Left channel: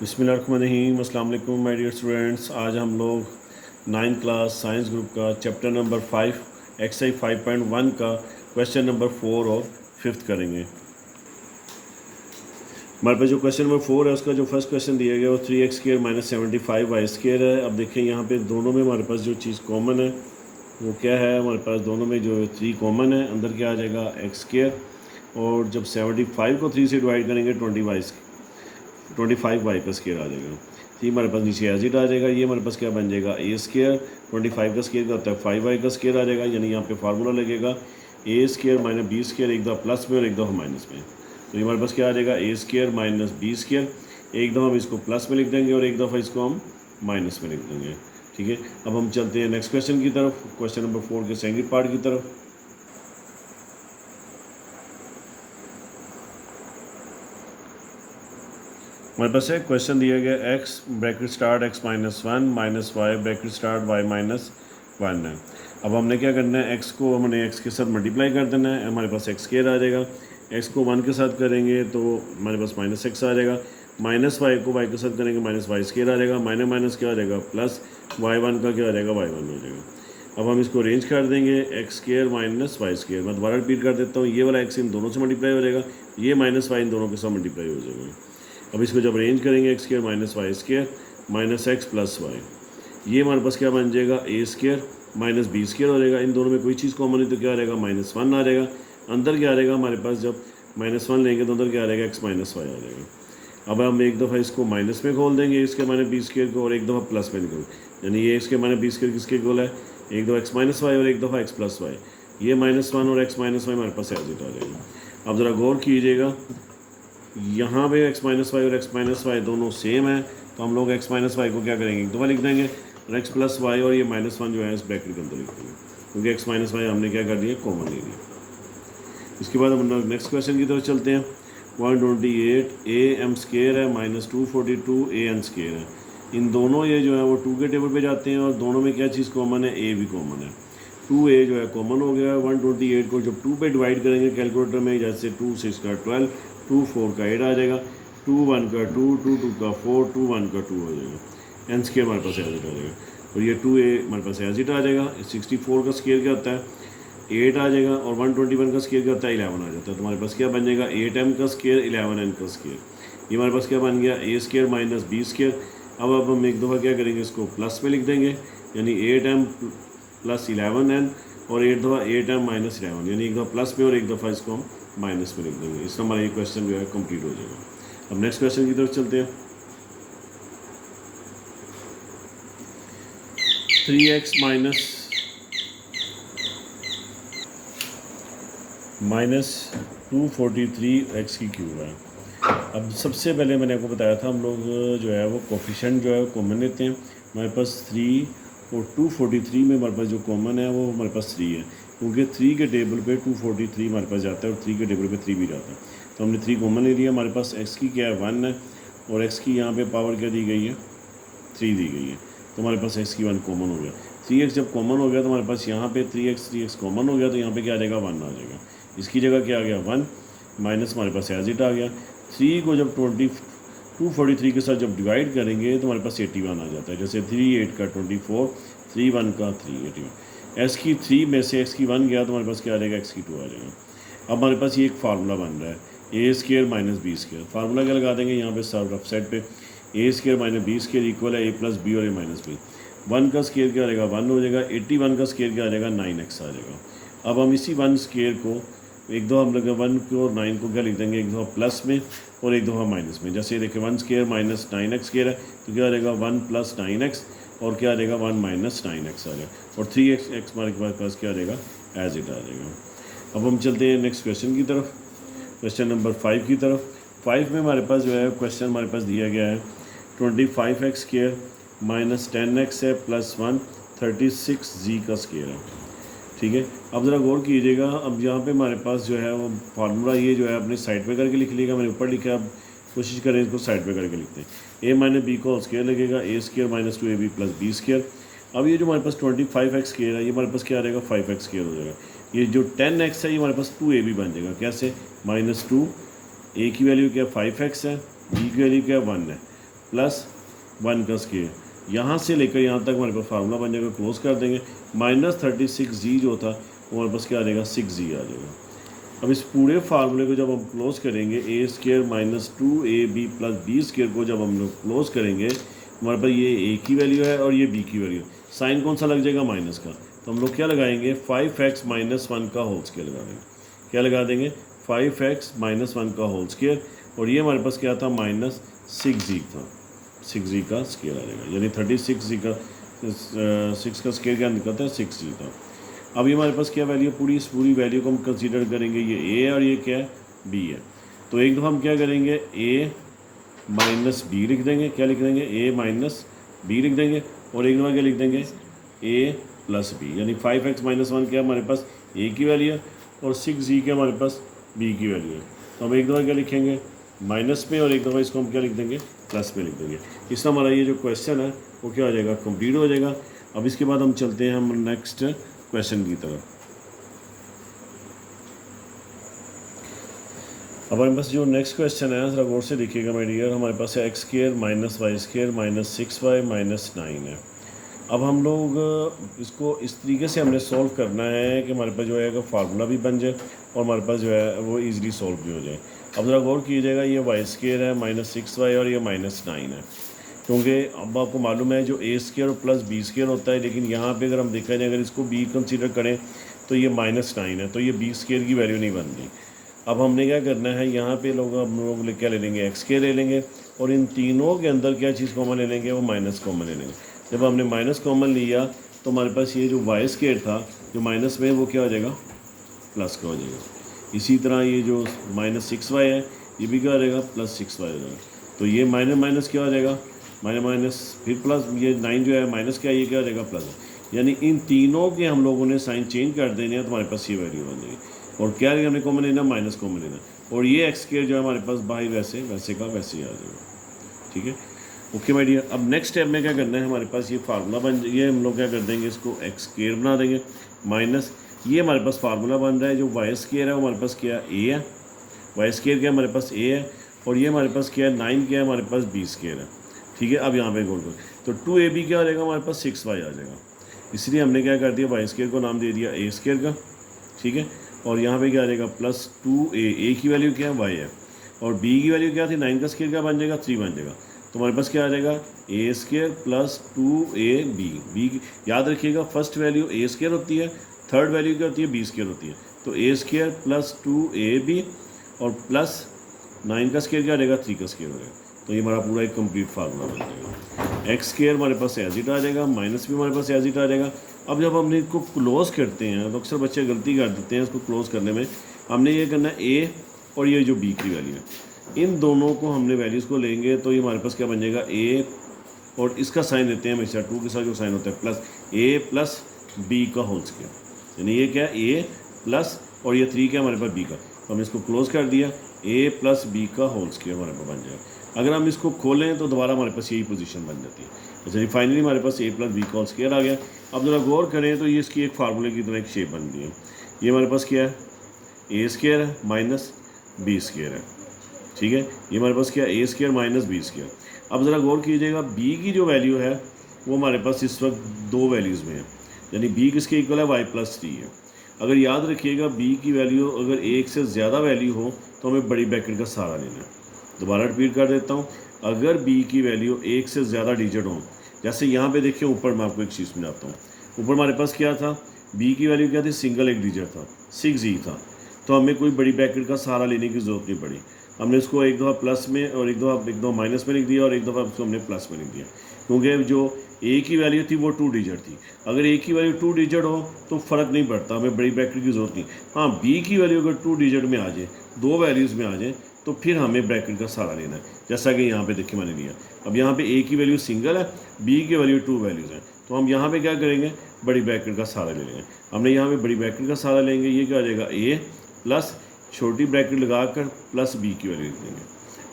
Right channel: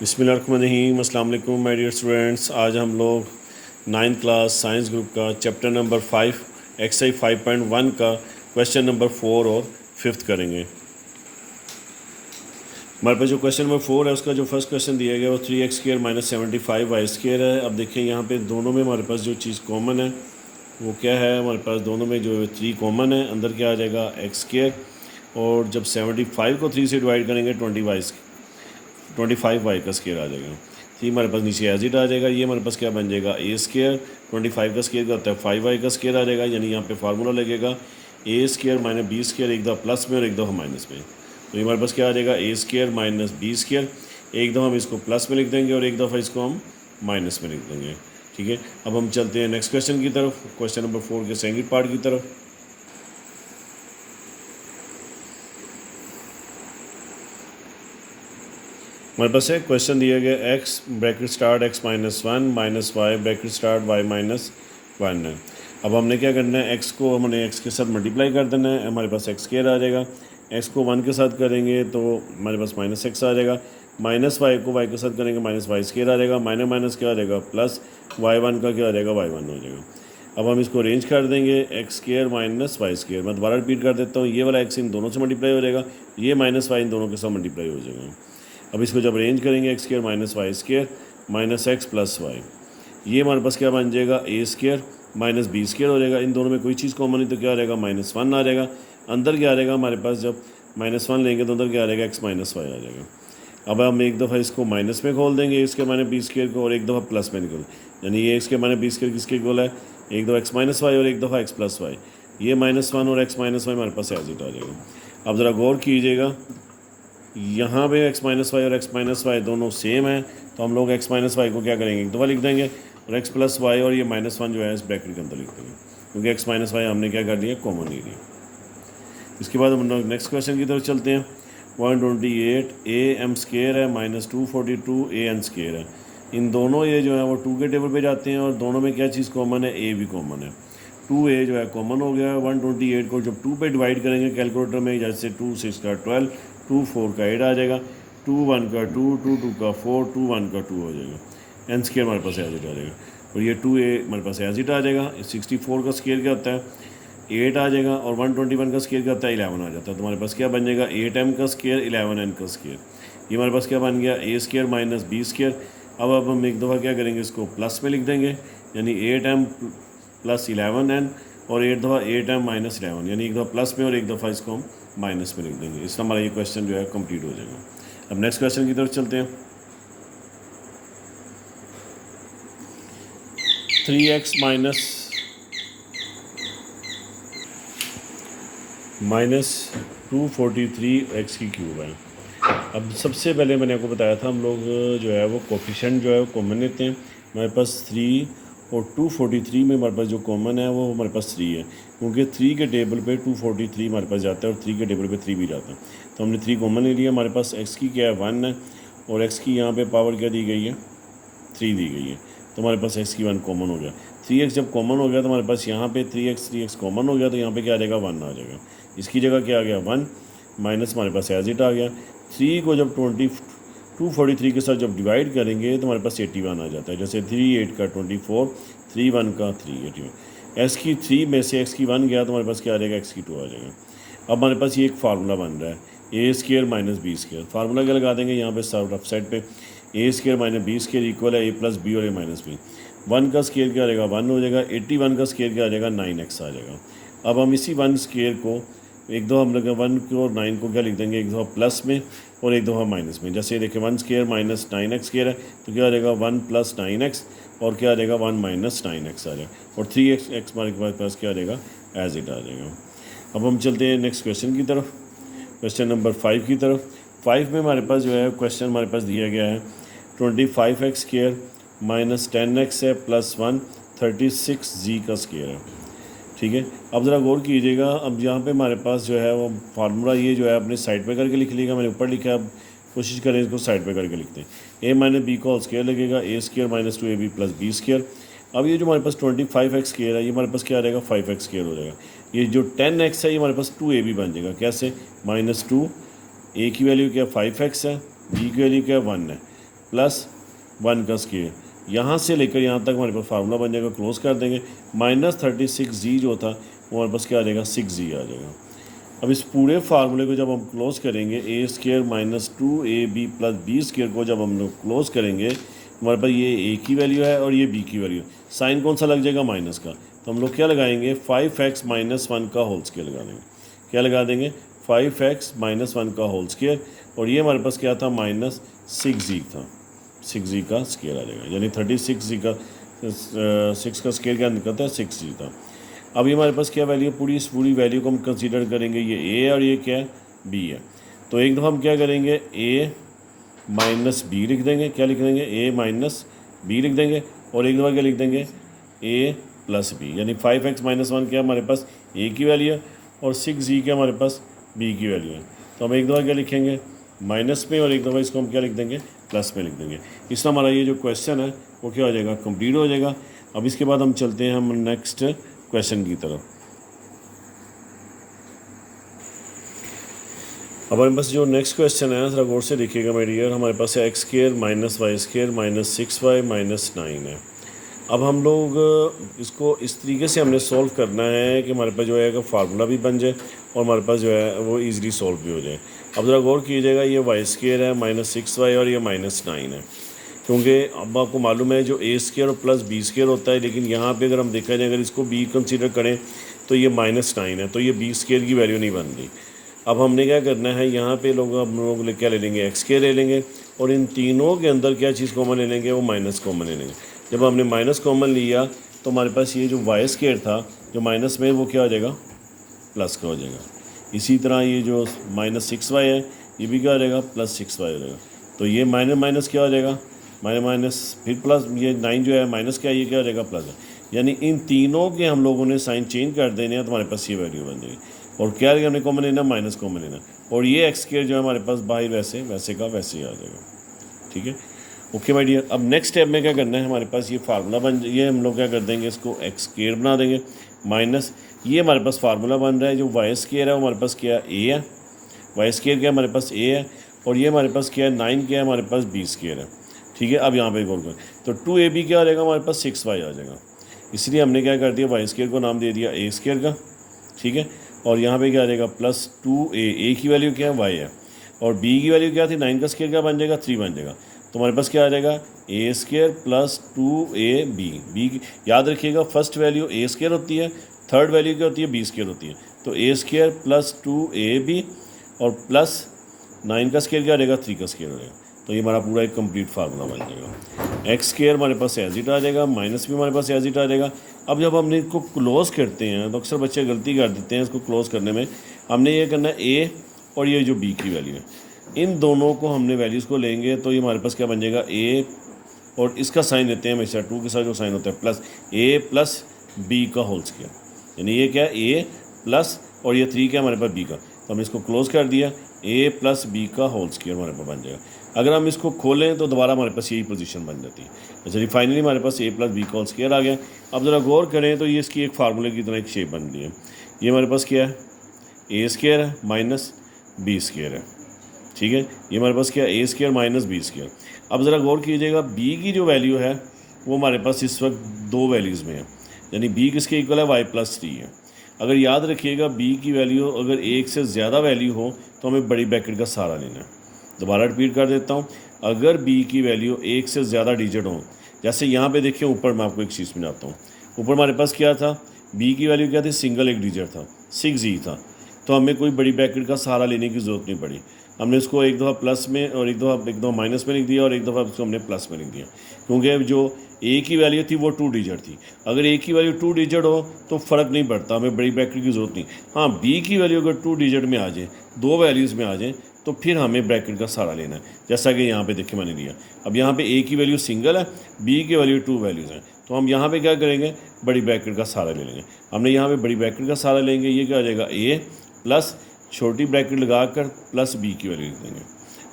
बिस्मिल्लाहिर्रहमानिर्रहीम। अस्सलाम वालेकुम माय डियर स्टूडेंट्स। आज हम लोग 9th क्लास साइंस ग्रुप का चैप्टर नंबर 5 एक्सरसाइज 5.1 का क्वेश्चन नंबर 4 और 5th करेंगे। हमारे पास जो क्वेश्चन नंबर 4 है उसका जो फर्स्ट क्वेश्चन दिया गया वो 3x² माइनस 75y² है। अब देखिए यहाँ पे दोनों में हमारे पास जो चीज़ कॉमन है वो क्या है, हमारे पास दोनों में जो 3 कॉमन है, अंदर क्या आ जाएगा x², और जब 75 को 3 से डिवाइड करेंगे 25y का स्केयर आ जाएगा। तो ये हमारे पास नीचे एज इट आ जाएगा। ये हमारे पास क्या बन जाएगा a², 25 का स्केयर क्या होता है 5y का स्केयर आ जाएगा। यानी यहाँ पे फार्मूला लगेगा a² माइनस b², एक दफ़ा प्लस में और एक दफ़ा माइनस में। तो ये हमारे पास क्या आ जाएगा a² माइनस b², एक दफ़ा हम इसको प्लस में लिख देंगे और एक दफ़ा इसको हम माइनस में लिख देंगे। ठीक है, अब हम चलते हैं नेक्स्ट क्वेश्चन की तरफ, क्वेश्चन नंबर 4 के सेकंड पार्ट की तरफ। हमारे पास है क्वेश्चन दिया गया x bracket start x minus 1 minus Y bracket start y minus 1 है। अब हमने क्या करना है, x को हमने x के साथ मल्टीप्लाई कर देना है, हमारे पास x² आ जाएगा। x को 1 के साथ करेंगे तो हमारे पास माइनस x आ जाएगा, माइनस y को y के साथ करेंगे माइनस y² आ जाएगा, माइनस माइनस क्या आ जाएगा प्लस y1 का क्या आ जाएगा y1 हो जाएगा। अब हम इसको अरेंज कर देंगे x² माइनस y²। मैं दोबारा रिपीट कर देता हूँ, ये वाला x इन दोनों से मल्टीप्लाई हो जाएगा, ये माइनस y इन दोनों के साथ मल्टीप्लाई हो जाएगा। अब इसको जब अरेंज करेंगे x² minus y² minus x plus Y, ये हमारे पास क्या बन जाएगा a² माइनस b² हो जाएगा। इन दोनों में कोई चीज़ कॉमन है तो क्या आ जाएगा -1 आ जाएगा। अंदर क्या आ जाएगा हमारे पास, जब -1 लेंगे तो अंदर क्या आ जाएगा x माइनस वाई आ जाएगा। अब हम एक दफ़ा इसको माइनस में खोल देंगे a² माइनस b² को, और एक दफ़ा प्लस में निकल, यानी ये x² माइनस b² किसके गोल है, एक दफ़ा x माइनस वाई और एक दफ़ा x प्लस वाई। ये -1 और x माइनस वाई हमारे पास एज इट आ जाएगा। अब ज़रा गौर कीजिएगा, यहाँ पे x माइनस वाई और x माइनस वाई दोनों सेम है, तो हम लोग x माइनस वाई को क्या करेंगे एक दफ़ा लिख देंगे, और x प्लस वाई और ये -1 जो है इस ब्रैकेट के अंदर लिख देंगे, क्योंकि x माइनस वाई हमने क्या कर लिया कॉमन ले लिया। इसके बाद हम नेक्स्ट क्वेश्चन की तरफ चलते हैं। 128 am² है माइनस 242 an² है। इन दोनों ये जो है वो 2 के टेबल पे जाते हैं, और दोनों में क्या चीज़ कॉमन है, a भी कॉमन है। 2a जो है कॉमन हो गया है। 128 को जब 2 पे डिवाइड करेंगे कैलकुलेटर में, जैसे 2 6 का 12, 2 4 का 8 आ जाएगा, 2 1 का 2, 2 2 का 4, 2 1 का 2 हो जाएगा। n² हमारे पास एज इट आ जाएगा, और ये 2a हमारे पास एज इट आ जाएगा। 64 का स्केयर क्या होता है 8 आ जाएगा, और 121 का स्केयर क्या होता है 11 आ जाता है। तो हमारे पास क्या बन जाएगा 8m का स्केयर 11n का स्केयर। ये हमारे पास क्या बन गया a² माइनस b²। अब हम एक दफ़ा क्या करेंगे, इसको प्लस में लिख देंगे, यानी 8m प्लस 11n, और 8 दफ़ा 8m माइनस 11, यानी एक दफ़ा प्लस में और एक दफ़ा इसको हम माइनस में लिख देंगे। इसका हमारा ये क्वेश्चन जो है कंप्लीट हो जाएगा। अब नेक्स्ट क्वेश्चन की तरफ चलते हैं। 3x माइनस 243x³ है। अब सबसे पहले मैंने आपको बताया था हम लोग जो है वो कोफिशिएंट जो है वो कॉमन लेते हैं। हमारे पास 3 और 243 में हमारे पास जो कॉमन है वो हमारे पास 3 है, क्योंकि 3 के टेबल पे 243 हमारे पास जाता है और 3 के टेबल पे 3 भी जाता है। तो हमने 3 कॉमन ले लिया। हमारे पास x की क्या है 1 है, और x की यहाँ पे पावर क्या दी गई है 3 दी गई है, तो हमारे पास x की 1 कॉमन हो गया। 3x जब कॉमन हो गया तो हमारे पास यहाँ पे 3x कॉमन हो गया, तो यहाँ पे क्या आ जाएगा 1 आ जाएगा। इसकी जगह क्या आ गया 1 माइनस हमारे पास एज इट आ गया। 3 को जब 243 के साथ जब डिवाइड करेंगे तो हमारे पास 81 आ जाता है। जैसे 3 8 का 24, 3 1 का 3 81। x की 3 में से x की 1 गया तो हमारे पास क्या आ जाएगा x की 2 आ जाएगा। अब हमारे पास ये एक फार्मूला बन रहा है a² माइनस b²। फार्मूला क्या लगा देंगे यहाँ पे लेफ्ट साइड पे, a² माइनस b² इक्वल है a प्लस बी और a माइनस बी। 1 का स्केयर क्या आ जाएगा 1 हो जाएगा, 81 का स्केयर क्या आ जाएगा 9x आ जाएगा। अब हम इसी 1 स्केयर को एक दफ़ा हम लोग 1 को और 9 को क्या लिख देंगे, एक दफ़ा प्लस में और एक दफ़ा माइनस में। जैसे देखिए 1 स्केयर माइनस 9x स्केयर है, तो क्या आ जाएगा 1 प्लस 9x, और क्या आ जाएगा 1 माइनस 9x आ जाएगा, और 3x हमारे पास क्या आ जाएगा एज इट आ जाएगा। अब हम चलते हैं नेक्स्ट क्वेश्चन की तरफ, क्वेश्चन नंबर 5 की तरफ। 5 में हमारे पास जो है क्वेश्चन हमारे पास दिया गया है 25x² माइनस 10x है प्लस 1 36g का स्केयर है। ठीक है, अब ज़रा गौर कीजिएगा। अब यहाँ पे हमारे पास जो है वो फार्मूला ये जो है अपने साइड पे करके लिख लीजिएगा, मैंने ऊपर लिखा है, अब कोशिश करें इसको साइड पे करके लिखते हैं। a माइनस बी का होल स्केयर लगेगा a² minus 2ab plus b²। अब ये जो हमारे पास 25x स्केयर है ये हमारे पास क्या आ जाएगा 5x स्केयर हो जाएगा। ये जो 10x है ये हमारे पास 2ab बन जाएगा। कैसे -2, a की वैल्यू क्या 5x है, b की वैल्यू क्या 1 है, प्लस 1 का स्केयर, यहाँ से लेकर यहाँ तक हमारे पास फार्मूला बन जाएगा, क्लोज कर देंगे। -36g जो था वो हमारे पास क्या आ जाएगा, 6g आ जाएगा। अब इस पूरे फार्मूले को जब हम क्लोज करेंगे, a square minus 2ab plus B square को जब हम लोग क्लोज करेंगे, हमारे पास ये a की वैल्यू है और ये b की वैल्यू है। साइन कौन सा लग जाएगा, माइनस का, तो हम लोग क्या लगाएंगे, 5x माइनस 1 का होल स्केयर लगा देंगे। क्या लगा देंगे, 5x माइनस 1 का होल स्केयर, और ये हमारे पास क्या था, -6g था, 6g का स्केयर आ जाएगा, यानी 36g का 6 का स्केयर क्या निकलता है, 6g था। अब ये हमारे पास क्या वैल्यू है, इस पूरी वैल्यू को हम कंसीडर करेंगे, ये a और ये क्या है, b है। तो एक दफ़ा हम क्या करेंगे, a माइनस बी लिख देंगे, क्या लिख देंगे, a माइनस बी लिख देंगे, और एक दफ़ा क्या लिख देंगे, a प्लस बी, यानी 5x माइनस 1 क्या हमारे पास a की वैल्यू है और 6g क्या हमारे पास b की वैल्यू है। तो हम एक दफ़ा क्या लिखेंगे, माइनस में, और एक दफ़ा इसको हम क्या लिख देंगे, प्लस में लिख देंगे। इसमें हमारा ये जो क्वेश्चन है वो क्या हो जाएगा, कंप्लीट हो जाएगा। अब इसके बाद हम चलते हैं हम नेक्स्ट क्वेश्चन की तरफ। अब हमारे पास जो नेक्स्ट क्वेश्चन है ज़रा गौर से देखिएगा मेरे डियर, हमारे पास है X square minus Y square minus 6y minus 9 है। अब हम लोग इसको इस तरीके से हमने सॉल्व करना है कि हमारे पास जो है कि फार्मूला भी बन जाए और हमारे पास जो है वो इजीली सॉल्व भी हो जाए। अब ज़रा गौर कीजिएगा, ये वाई स्केयर है -6y और ये -9 है, क्योंकि अब आपको मालूम है जो a स्केयर और प्लस बी स्केयर होता है, लेकिन यहाँ पे अगर हम देखा जाए, अगर इसको b कंसीडर करें तो ये -9 है, तो ये b स्केयर की वैल्यू नहीं बन रही। अब हमने क्या करना है, यहाँ पे हम लोग क्या ले लेंगे, एक्स स्केयर ले लेंगे, और इन तीनों के अंदर क्या चीज़ कॉमन ले लेंगे, वो माइनस कॉमन ले लेंगे। जब हमने माइनस कॉमन लिया तो हमारे पास ये जो वाई स्केयर था जो माइनस में, वो क्या हो जाएगा, प्लस का हो जाएगा। इसी तरह ये जो -6y है ये भी क्या हो जाएगा, +6y हो जाएगा। तो ये माइनस माइनस क्या हो जाएगा, माइनस फिर प्लस, ये 9 जो है माइनस क्या, ये क्या हो जाएगा, प्लस है। यानी इन तीनों के हम लोगों ने साइन चेंज कर देने हैं, तो हमारे पास ये वैल्यू बन जाएगी। और क्या हमने कॉमन लेना, माइनस कॉमन लेना, और ये एक्स स्केयर जो है हमारे पास बाहर वैसे वैसे का वैसे ही आ जाएगा। ठीक है, ओके माय डियर। अब नेक्स्ट स्टेप में क्या करना है, हमारे पास ये फार्मूला बन, ये हम लोग क्या कर देंगे, इसको एक्स स्केयर बना देंगे माइनस, ये हमारे पास फार्मूला बन रहा है, जो वाई स्केयर है वो हमारे पास क्या है, ए है, वाई स्केयर क्या हमारे पास ए है, और ये हमारे पास क्या है, 9 क्या है हमारे पास बी स्केयर है। ठीक है, अब यहाँ पे गौर करें तो 2ab क्या आ जाएगा, हमारे पास 6y आ जाएगा। इसलिए हमने क्या कर दिया, वाई स्केयर को नाम दे दिया ए स्केयर का। ठीक है, और यहाँ पे क्या आ जाएगा, +2a, ए की वैल्यू क्या है, वाई है, और बी की वैल्यू क्या थी, 9 का स्केयर क्या बन जाएगा, 3 बन जाएगा। तो हमारे पास क्या आ जाएगा, ए स्केयर प्लस 2ab, बी याद रखिएगा फर्स्ट वैल्यू ए स्केयर होती है, थर्ड वैल्यू क्या होती है, बी स्केयर होती है। तो ए स्केयर प्लस 2ab और प्लस 9 का स्केयर क्या आ जाएगा, 3 का स्केयर हो जाएगा। तो ये हमारा पूरा एक कंप्लीट फार्मूला बन जाएगा। एक्स स्केयर हमारे पास एज इट आ जाएगा, माइनस भी हमारे पास एज इट आ जाएगा। अब जब हमने इसको क्लोज़ करते हैं तो अक्सर बच्चे गलती कर देते हैं इसको क्लोज़ करने में। हमने ये करना है ए और ये जो बी की वैल्यू है, इन दोनों को हमने वैल्यूज़ को लेंगे, तो ये हमारे पास क्या बन जाएगा, ए और इसका साइन लेते हैं हमेशा, 2 के साथ जो साइन होता है प्लस, ए प्लस बी का होल स्केयर, यानी ये क्या है, ए प्लस और ये 3 क्या हमारे पास बी का। तो हमने इसको क्लोज़ कर दिया, ए प्लस बी का होल स्केयर हमारे पास बन जाएगा। अगर हम इसको खोलें तो दोबारा हमारे पास यही पोजीशन बन जाती है। तो चलिए फाइनली हमारे पास ए प्लस बी का होल स्केयर आ गया। अब ज़रा गौर करें तो ये इसकी एक फार्मूले की तरह एक शेप बन रही है। ये हमारे पास क्या है, ए स्केयर है माइनस बी स्केयर है। ठीक है, ये हमारे पास क्या है, ए स्केयर माइनस बी स्केयर। अब ज़रा गौर कीजिएगा, बी की जो वैल्यू है वो हमारे पास इस वक्त 2 वैल्यूज़ में है, यानी बी किसके इक्वल है, वाई प्लस 3 है। अगर याद रखिएगा बी की वैल्यू अगर 1 से ज़्यादा वैल्यू हो तो हमें बड़ी ब्रैकेट का सहारा लेना है। दोबारा रिपीट कर देता हूँ, अगर बी की वैल्यू 1 से ज़्यादा डिजिट हो, जैसे यहाँ पे देखिए ऊपर मैं आपको एक चीज़ बनाता हूँ, ऊपर हमारे पास क्या था, बी की वैल्यू क्या थी, सिंगल एक डिजिट था, 6g था, तो हमें कोई बड़ी ब्रैकेट का सहारा लेने की ज़रूरत नहीं पड़ी। हमने इसको एक दफ़ा प्लस में और एक दफ़ा माइनस में लिख दिया और एक दफ़ा इसको हमने प्लस में लिख दिया, क्योंकि जो ए की वैल्यू थी वो 2 डिजिट थी। अगर ए की वैल्यू 2 डिजिट हो तो फ़र्क नहीं पड़ता, हमें बड़ी ब्रैकेट की ज़रूरत नहीं। हाँ, बी की वैल्यू अगर 2 डिजिट में आ जाए, 2 वैल्यूज़ में आ जाए, तो फिर हमें ब्रैकेट का सहारा लेना है, जैसा कि यहाँ पे देखिए मैंने लिया। अब यहाँ पे ए की वैल्यू सिंगल है, बी की वैल्यू 2 वैल्यूज़ हैं, तो हम यहाँ पे क्या करेंगे, बड़ी ब्रैकेट का सहारा ले लेंगे। हमने यहाँ पे बड़ी ब्रैकेट का सहारा लेंगे, ये क्या आ जाएगा, ए प्लस छोटी ब्रैकेट लगाकर प्लस बी की वैल्यू लिख देंगे।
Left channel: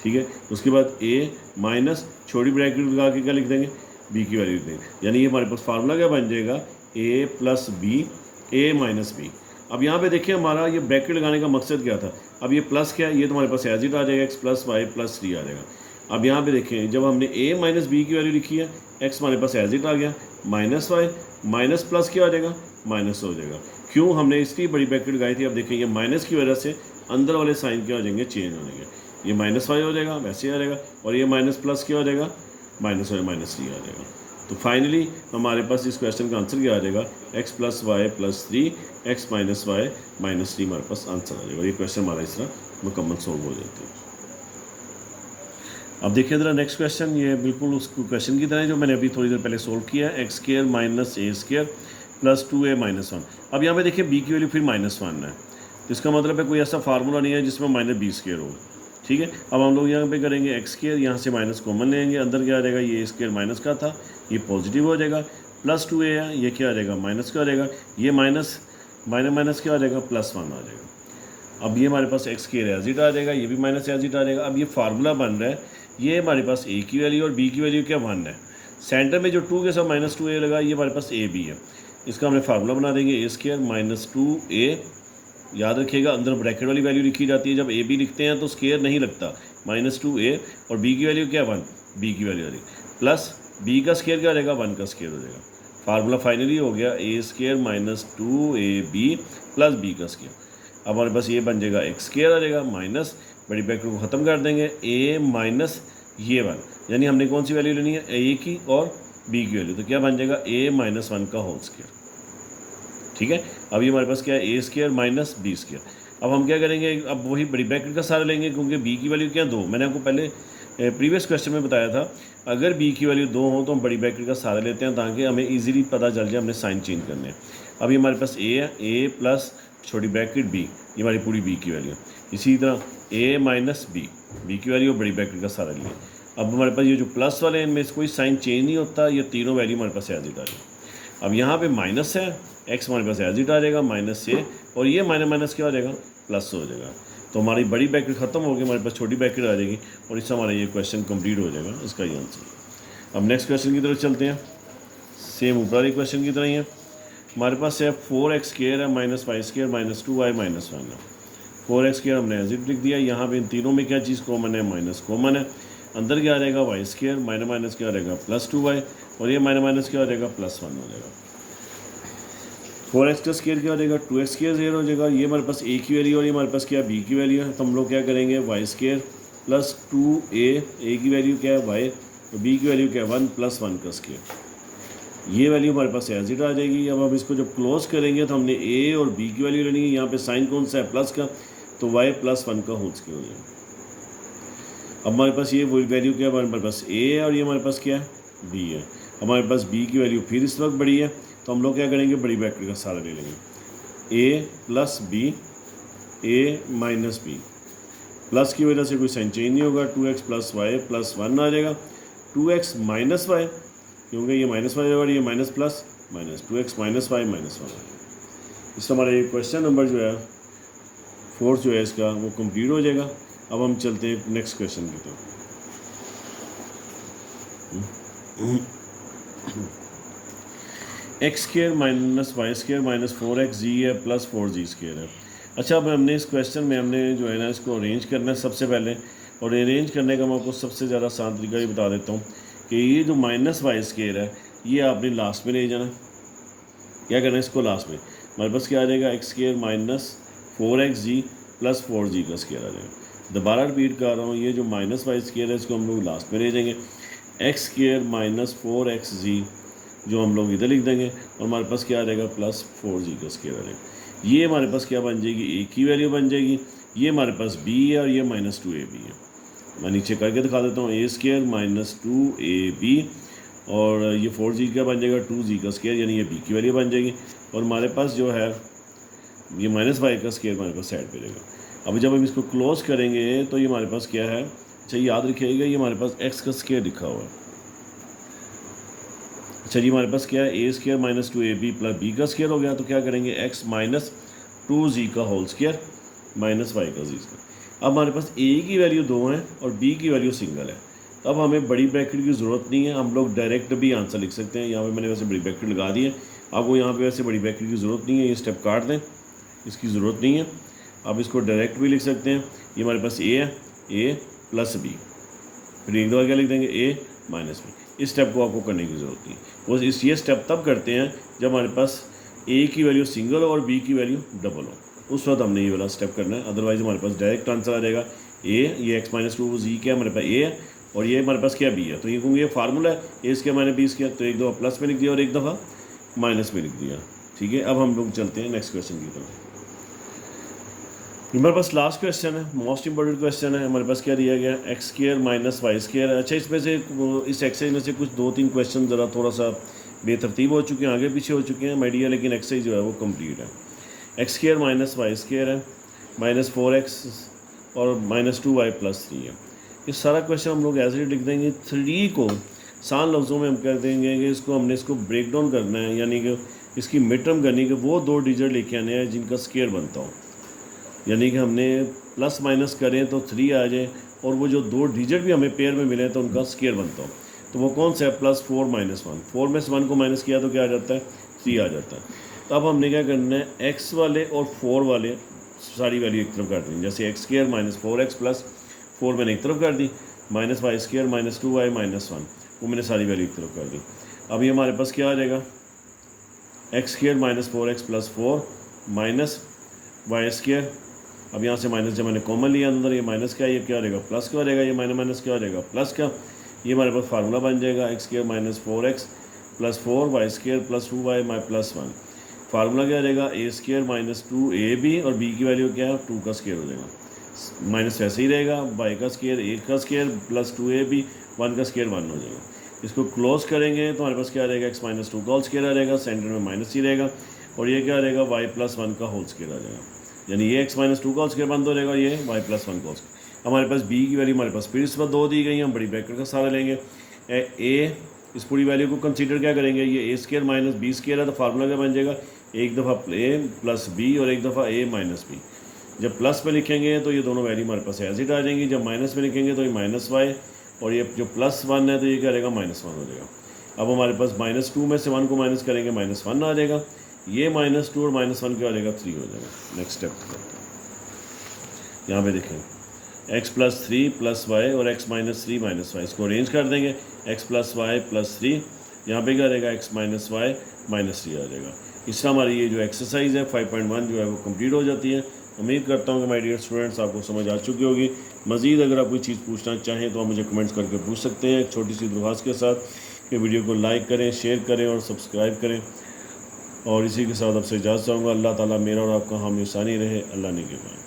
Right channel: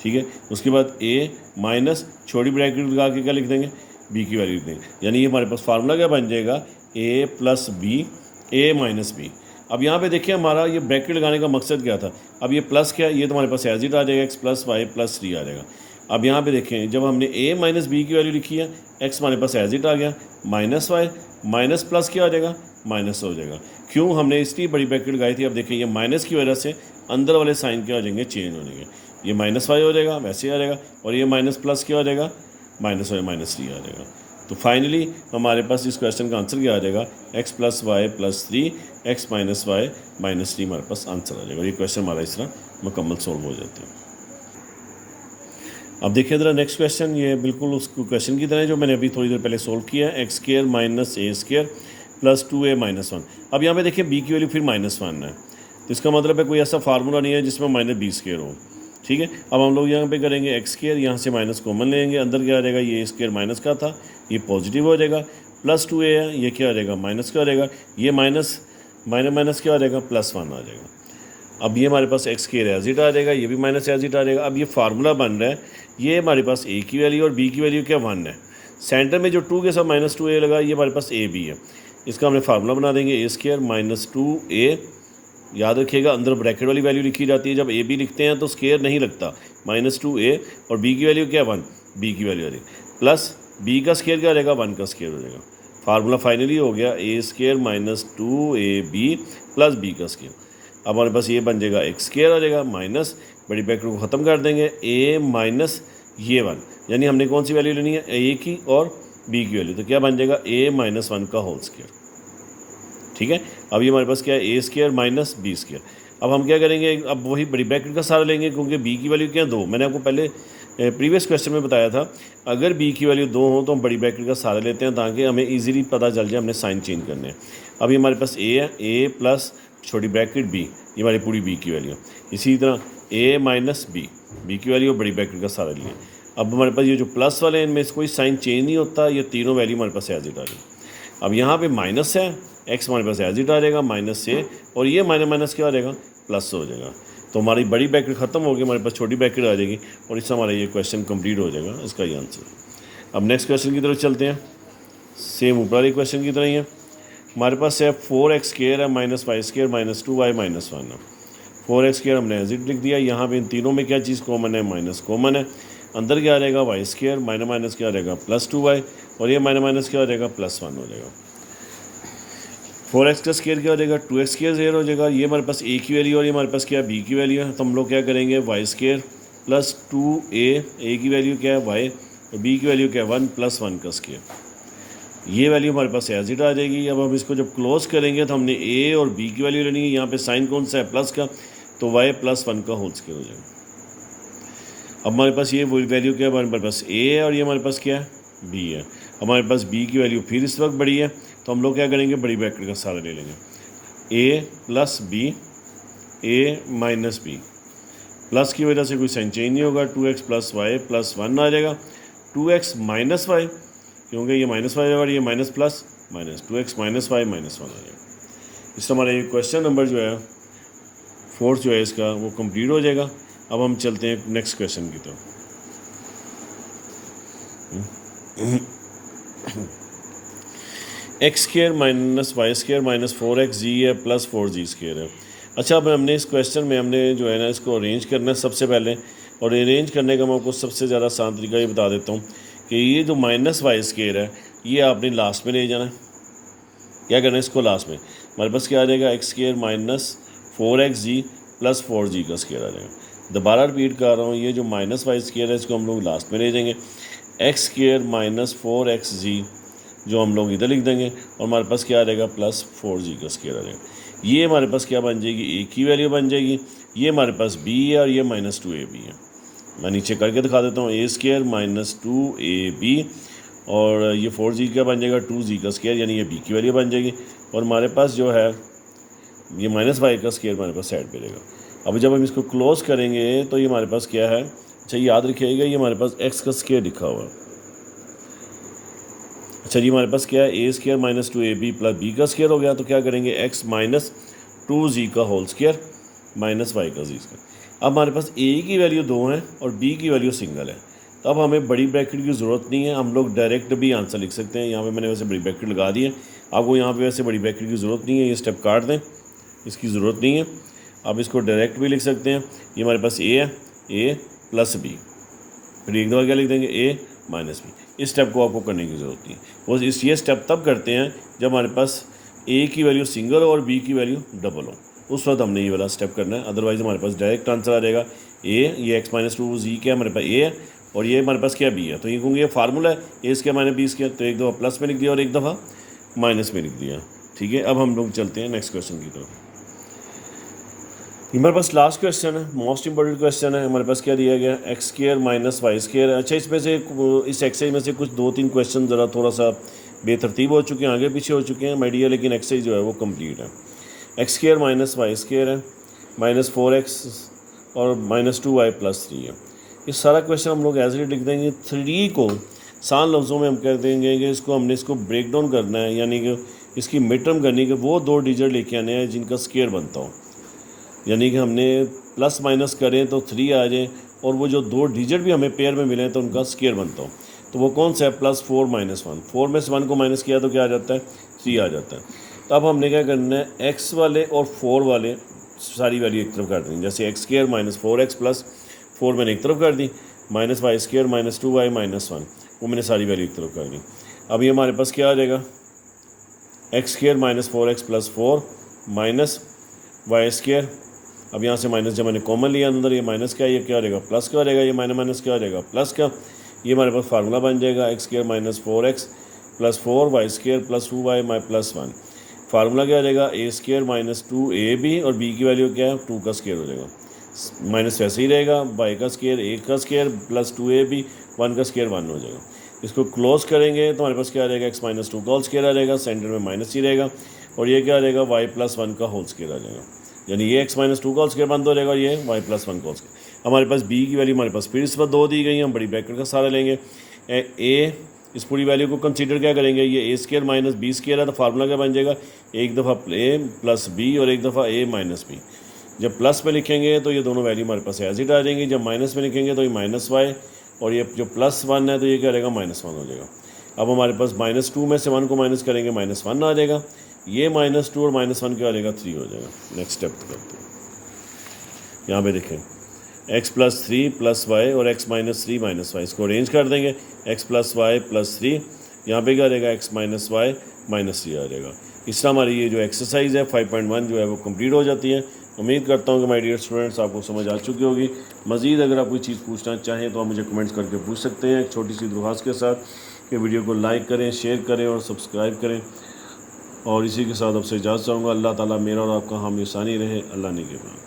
ठीक है, उसके बाद ए माइनस छोटी ब्रैकेट लगा के क्या लिख देंगे, बी की वैल्यू लिख देंगे। यानी ये हमारे पास फार्मूला क्या बन जाएगा, ए प्लस बी, ए माइनस बी। अब यहाँ पे देखिए हमारा ये ब्रैकेट लगाने का मकसद क्या था, अब ये प्लस क्या है, ये तो हमारे पास एज इट आ जाएगा, एक्स प्लस वाई प्लस 3 आ जाएगा। अब यहाँ पे देखें, जब हमने a माइनस बी की वैल्यू लिखी है, x हमारे पास एज इट आ गया, माइनस वाई माइनस प्लस क्या हो जाएगा, माइनस हो जाएगा। क्यों, हमने इसलिए बड़ी ब्रैकेट लगाई थी। अब देखें ये माइनस की वजह से अंदर वाले साइन क्या हो जाएंगे, चेंज हो जाएंगे। ये माइनस वाई हो जाएगा, वैसे आ जाएगा, और ये माइनस प्लस क्या हो जाएगा, माइनस वाई माइनस 3 आ जाएगा। तो फाइनली हमारे पास इस क्वेश्चन का आंसर क्या आ जाएगा, x plus Y plus 3, x minus Y minus 3 हमारे पास आंसर आ जाएगा। ये क्वेश्चन हमारा इस तरह मुकम्मल सॉल्व हो जाते हैं। अब देखिए ज़रा नेक्स्ट क्वेश्चन, ये बिल्कुल उस क्वेश्चन की तरह है जो मैंने अभी थोड़ी देर पहले सोल्व किया है। एक्स स्क्र माइनस ए स्क्र प्लस 2a माइनस 1। अब यहाँ पे देखिए b की वैल्यू फिर -1 है, तो इसका मतलब है कोई ऐसा फार्मूला नहीं है जिसमें माइनस बी स्क्र हो। ठीक है, अब हम लोग यहाँ पे करेंगे एक्स स्क्र, यहाँ से माइनस कॉमन लेंगे, अंदर क्या आ जाएगा, ये स्क्र माइनस का था, ये पॉजिटिव हो जाएगा, प्लस 2a है, ये क्या आ जाएगा, माइनस का आ जाएगा, ये माइनस माइनस माइनस क्या आ जाएगा, +1 आ जाएगा। अब ये हमारे पास एक्स स्क्र एज इट आ जाएगा, ये भी माइनस एज इट आ जाएगा। अब ये फार्मूला बन रहा है, ये हमारे पास a की वैल्यू और b की वैल्यू क्या 1 है। सेंटर में जो 2 के साथ -2a लगा, ये हमारे पास a b है। इसका हमने फार्मूला बना देंगे, a स्क्र माइनस 2a। याद रखिएगा अंदर ब्रैकेट वाली वैल्यू लिखी जाती है, जब a b लिखते हैं तो स्क्र नहीं लगता, -2a, और b की वैल्यू क्या 1, b की वैल्यू आ जाएगी, प्लस b का स्क्र क्या हो जाएगा, 1 का स्क्र हो जाएगा। फार्मूला फाइनली हो गया a square minus 2ab plus b का स्क्र। अब हमारे पास ये बन जाएगा एक्स स्क्र आ जाएगा, माइनस बड़ी ब्रैकेट को ख़त्म कर देंगे, a माइनस ये 1, यानी हमने कौन सी वैल्यू लेनी है, a की और b की वैल्यू, तो क्या बन जाएगा a माइनस 1 का होल स्क्र। ठीक है, अब ये हमारे पास क्या है, a square minus b square. अब हम क्या करेंगे, अब वही बड़ी ब्रैकेट का सहारा लेंगे, क्योंकि b की वैल्यू क्या है 2। मैंने आपको पहले प्रीवियस क्वेश्चन में बताया था, अगर b की वैल्यू 2 हो तो हम बड़ी ब्रैकेट का सहारा लेते हैं, ताकि हमें ईजिली पता चल जाए हमने साइन चेंज करने हैं। अब ये हमारे पास a है, a प्लस छोटी ब्रैकेट b, ये हमारी पूरी b की वैल्यू। इसी तरह a माइनस b की वैल्यू बड़ी ब्रैकेट का सहारा लिया। अब हमारे पास ये जो प्लस वाले हैं, इनमें से कोई साइन चेंज नहीं होता, ये तीनों वैल्यू हमारे पास एज इट आ रही है। अब यहाँ पे माइनस है, x हमारे पास एज इट आ जाएगा माइनस से, और ये माइनस माइनस क्या आ जाएगा, प्लस हो जाएगा। तो हमारी बड़ी ब्रैकेट ख़त्म होगी, हमारे पास छोटी ब्रैकेट आ जाएगी, और इससे हमारा ये क्वेश्चन कंप्लीट हो जाएगा, इसका ये आंसर। अब नेक्स्ट क्वेश्चन की तरफ चलते हैं, सेम ऊपर वाले क्वेश्चन की तरह ही है। हमारे पास है 4x स्क्र है minus Y square minus 2y minus 1 है। 4x स्क्र हमने एज इट लिख दिया। यहाँ पे इन तीनों में क्या चीज़ कॉमन है, माइनस कॉमन है। अंदर क्या आ जाएगा, वाई स्क्र माइनस माइनस क्या आ जाएगा, प्लस 2y, और ये माइनस माइनस क्या हो जाएगा, +1 हो जाएगा। 4x का स्क्र क्या हो जाएगा, 2x स्क्र 0 हो जाएगा। ये हमारे पास a की वैल्यू और ये हमारे पास क्या b की वैल्यू है, तो हम लोग क्या करेंगे, वाई स्क्र प्लस 2a की वैल्यू क्या है y, और b की वैल्यू क्या है 1 + 1 का स्क्र। ये वैल्यू हमारे पास एज इट आ जाएगी। अब हम इसको जब क्लोज करेंगे तो हमने a और b की वैल्यू लेनी है। यहाँ पे साइन कौन सा है, प्लस का, तो y + 1 का होल स्क्र हो जाएगा। अब हमारे पास ये वैल्यू क्या है, हमारे पास a है, और ये हमारे पास क्या है, b है। हमारे पास b की वैल्यू फिर इस वक्त बड़ी है, तो हम लोग क्या करेंगे, बड़ी ब्रैकेट का सहारा ले लेंगे, a plus b, a minus b, plus की वजह से कोई साइन चेंज नहीं होगा, 2x प्लस वाई प्लस 1 आ जाएगा, 2x माइनस वाई, क्योंकि ये माइनस वाई और ये minus plus minus, 2x minus Y minus 1 आ जाएगा। इससे हमारा ये क्वेश्चन नंबर जो है 4 जो है इसका वो कंप्लीट हो जाएगा। अब हम चलते हैं नेक्स्ट क्वेश्चन की तरफ। X square minus Y square minus 4x जी है प्लस 4g स्क्र है। अच्छा, अब हमने इस क्वेश्चन में हमने जो है ना इसको अरेंज करना है सबसे पहले, और अरेंज करने का मैं आपको सबसे ज़्यादा आसान तरीका ये बता देता हूँ कि ये जो माइनस वाई स्क्र है ये आपने लास्ट में ले जाना है। क्या करना है, इसको लास्ट में हमारे पास क्या आ जाएगा, x square minus 4xg plus 4g का स्क्र आ जाएगा। दोबारा रिपीट कर रहा हूँ, ये जो माइनस वाई स्क्र है इसको हम लोग लास्ट में ले जाएंगे, एक्स स्क्र माइनस 4xg जो हम लोग इधर लिख देंगे, और हमारे पास क्या आ जाएगा, प्लस 4g का स्क्र आ जाएगा। ये हमारे पास क्या बन जाएगी, a की वैल्यू बन जाएगी, ये हमारे पास b है, और ये माइनस 2ab है। मैं नीचे करके दिखा देता हूँ, a स्क्र माइनस 2ab, और ये 4g का बन जाएगा 2g का स्क्र, यानी ये b की वैल्यू बन जाएगी, और हमारे पास जो है ये माइनस वाई का स्क्र हमारे पास साइड पे रहेगा। अब जब हम इसको क्लोज करेंगे तो ये हमारे पास क्या है, अच्छा याद रखिएगा ये हमारे पास x का स्क्र लिखा हुआ है। अच्छा जी, हमारे पास क्या है, a square minus 2ab plus b का स्क्र हो गया, तो क्या करेंगे, x माइनस 2g का होल स्क्र माइनस y का जी स्क्र। अब हमारे पास a की वैल्यू 2 है और b की वैल्यू सिंगल है, तो अब हमें बड़ी ब्रैकेट की ज़रूरत नहीं है, हम लोग डायरेक्ट भी आंसर लिख सकते हैं। यहाँ पे मैंने वैसे बड़ी ब्रैकेट लगा दी है, आपको यहाँ पे वैसे बड़ी ब्रैकेट की ज़रूरत नहीं है, ये स्टेप काट दें, इसकी ज़रूरत नहीं है। आप इसको डायरेक्ट भी लिख सकते हैं। ये हमारे पास a है, a प्लस b, फिर एक दफ़ा क्या लिख देंगे ए माइनस बी। इस स्टेप को आपको करने की ज़रूरत नहीं। वो ये स्टेप तब करते हैं जब हमारे पास ए की वैल्यू सिंगल हो और बी की वैल्यू डबल हो, उस वक्त हमने ये वाला स्टेप करना है। अदरवाइज़ हमारे पास डायरेक्ट आंसर आ जाएगा ए, ये एक्स माइनस टू जी क्या हमारे पास ए है और ये हमारे पास क्या बी है। तो ये कहूँगी ये फार्मूला है ए स्क्वायर माइनस बी स्क्वायर, तो एक दफ़ा प्लस में लिख दिया और एक दफ़ा माइनस में लिख दिया। ठीक है, अब हम लोग चलते हैं नेक्स्ट क्वेश्चन की तरफ। हमारे पास लास्ट क्वेश्चन है, मोस्ट इंपॉर्टेंट क्वेश्चन है। हमारे पास क्या दिया गया, X square minus Y square. अच्छा, इसमें से इस एक्सरसाइज में से कुछ 2-3 क्वेश्चन ज़रा थोड़ा सा बेतरतीब हो चुके हैं, आगे पीछे हो चुके हैं माय डियर, लेकिन एक्सरसाइज जो है वो कंप्लीट है। X square minus Y square है, माइनस 4x और माइनस 2y प्लस 3 है। ये सारा क्वेश्चन हम लोग ऐसे लिख देंगे। 3 को सान लफ्ज़ों में हम कह देंगे कि हमने इसको ब्रेक डाउन करना है, यानी कि इसकी मिड टर्म करनी कि वो 2 डिजिट लेके आने हैं जिनका स्क्वायर बनता हो, यानी कि हमने प्लस माइनस करें तो 3 आ जाए और वो जो 2 डिजिट भी हमें पेयर में मिले तो उनका स्क्वायर बनता हो। तो वो कौन सा है, +4 - 1। 4 में से 1 को माइनस किया तो क्या आ जाता है, 3 आ जाता है। तो अब हमने क्या करना है, एक्स वाले और 4 वाले सारी वैल्यू एक तरफ कर देंगे। जैसे x square minus 4x plus 4 मैंने एक तरफ कर दी, minus Y square minus 2y minus 1 वो मैंने सारी वैल्यू एक तरफ कर दी। अब ये हमारे पास क्या आ जाएगा, X square minus 4x plus 4 minus Y square. अब यहाँ से माइनस जब मैंने कॉमन लिया अंदर, ये माइनस का ये क्या हो जाएगा, प्लस का हो जाएगा, ये माइनस माइनस क्या हो जाएगा, प्लस का। ये हमारे पास फार्मूला बन जाएगा, X square minus 4x plus 4 Y square plus 2y plus 1। Formula क्या हो जाएगा, ए स्क्वायर माइनस 2ab और b की वैल्यू क्या है, 2 का स्क्वायर हो जाएगा। माइनस वैसे ही रहेगा, y का स्क्वायर 1 का स्क्वायर प्लस 2ab 1 का स्क्वायर 1 हो जाएगा। इसको क्लोज करेंगे तो हमारे पास क्या आ जाएगा, x माइनस 2 का होल स्क्वायर आ जाएगा, सेंटर में माइनस ही रहेगा और ये क्या आ जाएगा, y प्लस 1 का होल स्क्वायर आ जाएगा। यानी ये x माइनस 2 का होल स्क्वायर बंद हो जाएगा और ये y प्लस 1 का होल स्क्वायर। हमारे पास b की वैल्यू हमारे पास फिर इस बार 2 दी गई है, हम बड़ी ब्रैकेट का सहारा लेंगे। a इस पूरी वैल्यू को कंसीडर क्या करेंगे, ये ए स्क्वायर माइनस बी स्क्वायर है, तो फार्मूला क्या बन जाएगा, एक दफ़ा ए प्लस बी और एक दफ़ा ए माइनस बी। जब प्लस में लिखेंगे तो ये दोनों वैल्यू हमारे पास एज इट आ जाएंगी, जब माइनस में लिखेंगे तो ये माइनस वाई और ये जो प्लस 1 है तो ये क्या रहेगा, माइनस 1 हो जाएगा। अब हमारे पास माइनस 2 में से 1 को माइनस करेंगे, माइनस 1 आ जाएगा। ये माइनस 2 और माइनस 1 क्या हो जाएगा, 3 हो जाएगा। नेक्स्ट स्टेप करते हैं, यहाँ पे देखें x प्लस 3 प्लस वाई और x माइनस 3 माइनस वाई, इसको अरेंज कर देंगे, x प्लस वाई प्लस 3, यहाँ पे क्या रहेगा, x माइनस वाई माइनस 3 आ जाएगा। इस तरह हमारी ये जो एक्सरसाइज है 5.1 जो है वो कंप्लीट हो जाती है। उम्मीद करता हूँ कि माय डियर स्टूडेंट्स आपको समझ आ चुकी होगी। मज़ीद अगर आप कोई चीज़ पूछना चाहें तो आप मुझे कमेंट्स करके पूछ सकते हैं, एक छोटी सी दुआस के साथ कि वीडियो को लाइक करें, शेयर करें और सब्सक्राइब करें। और इसी के साथ आपसे इजाज़त चाहूँगा। अल्लाह ताला मेरा और आपका हामी सानी रहे। अल्लाह ने के बाद।